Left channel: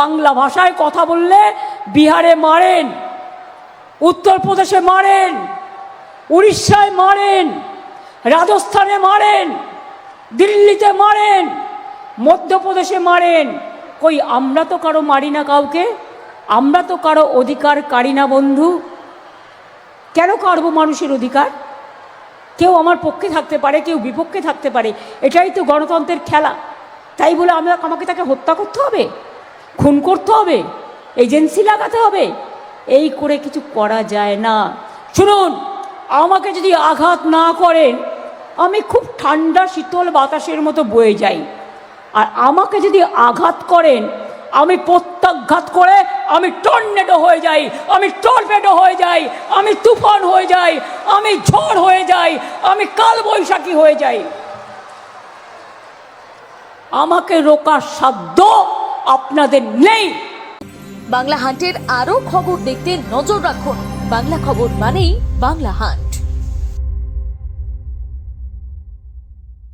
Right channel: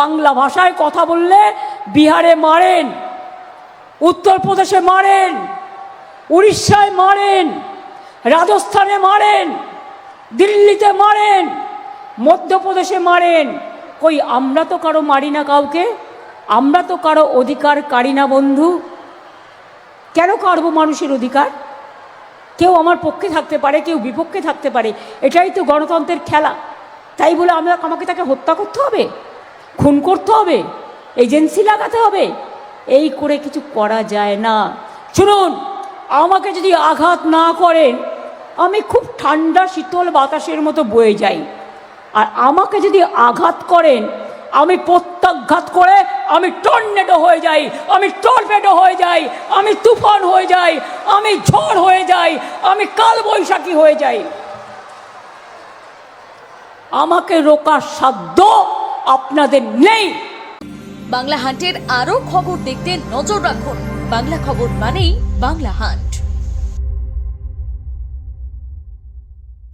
বাংলা ভাষায় কথা বললে বিহারে মারেন, উত্তরপ্রদেশে মারেন, উড়িষ্যায় মারেন, রাজস্থানে মারেন, দিল্লিতে মারেন, মধ্যপ্রদেশে মারেন। কই আমরা তো কারো মারি না কাউকে, আমরা তো কারো অধিকার কারি না বন্ধু। কেন করবো মানুষের অধিকার? কেউ আমার পক্ষে থাকতে পারে, কেউ বিপক্ষে থাকতে পারে, এটাই তো গণতন্ত্রের খেলা। তাই বলে আমাকে তাকে হত্যা করতে হবে, খুন করতে হবে, এজেন্সি লাগাতে হবে? এই করে কিছু করা যায় না। শুনুন, আমাকে যদি আঘাত না করেন আমি খুব ঠান্ডা শীতল বাতাসের মতো বয়ে যাই, আর আমাকে যদি আঘাত করেন আমি প্রত্যাঘাত করে আমি টর্নেডো হয়ে যাই, আমি টর্নেডো হয়ে যাই, আমি তুফান হয়ে যাই, আমি ঝড় হয়ে যাই, আমি কালবৈশাখী হয়ে যাই। আমাকে রোকার সাধ্য আপনাদের নেই। বাংলা হান্টের আরো খবর দেখতে নজর রাখুন। বাংলা খবর মানেই বাংলা হান্ট।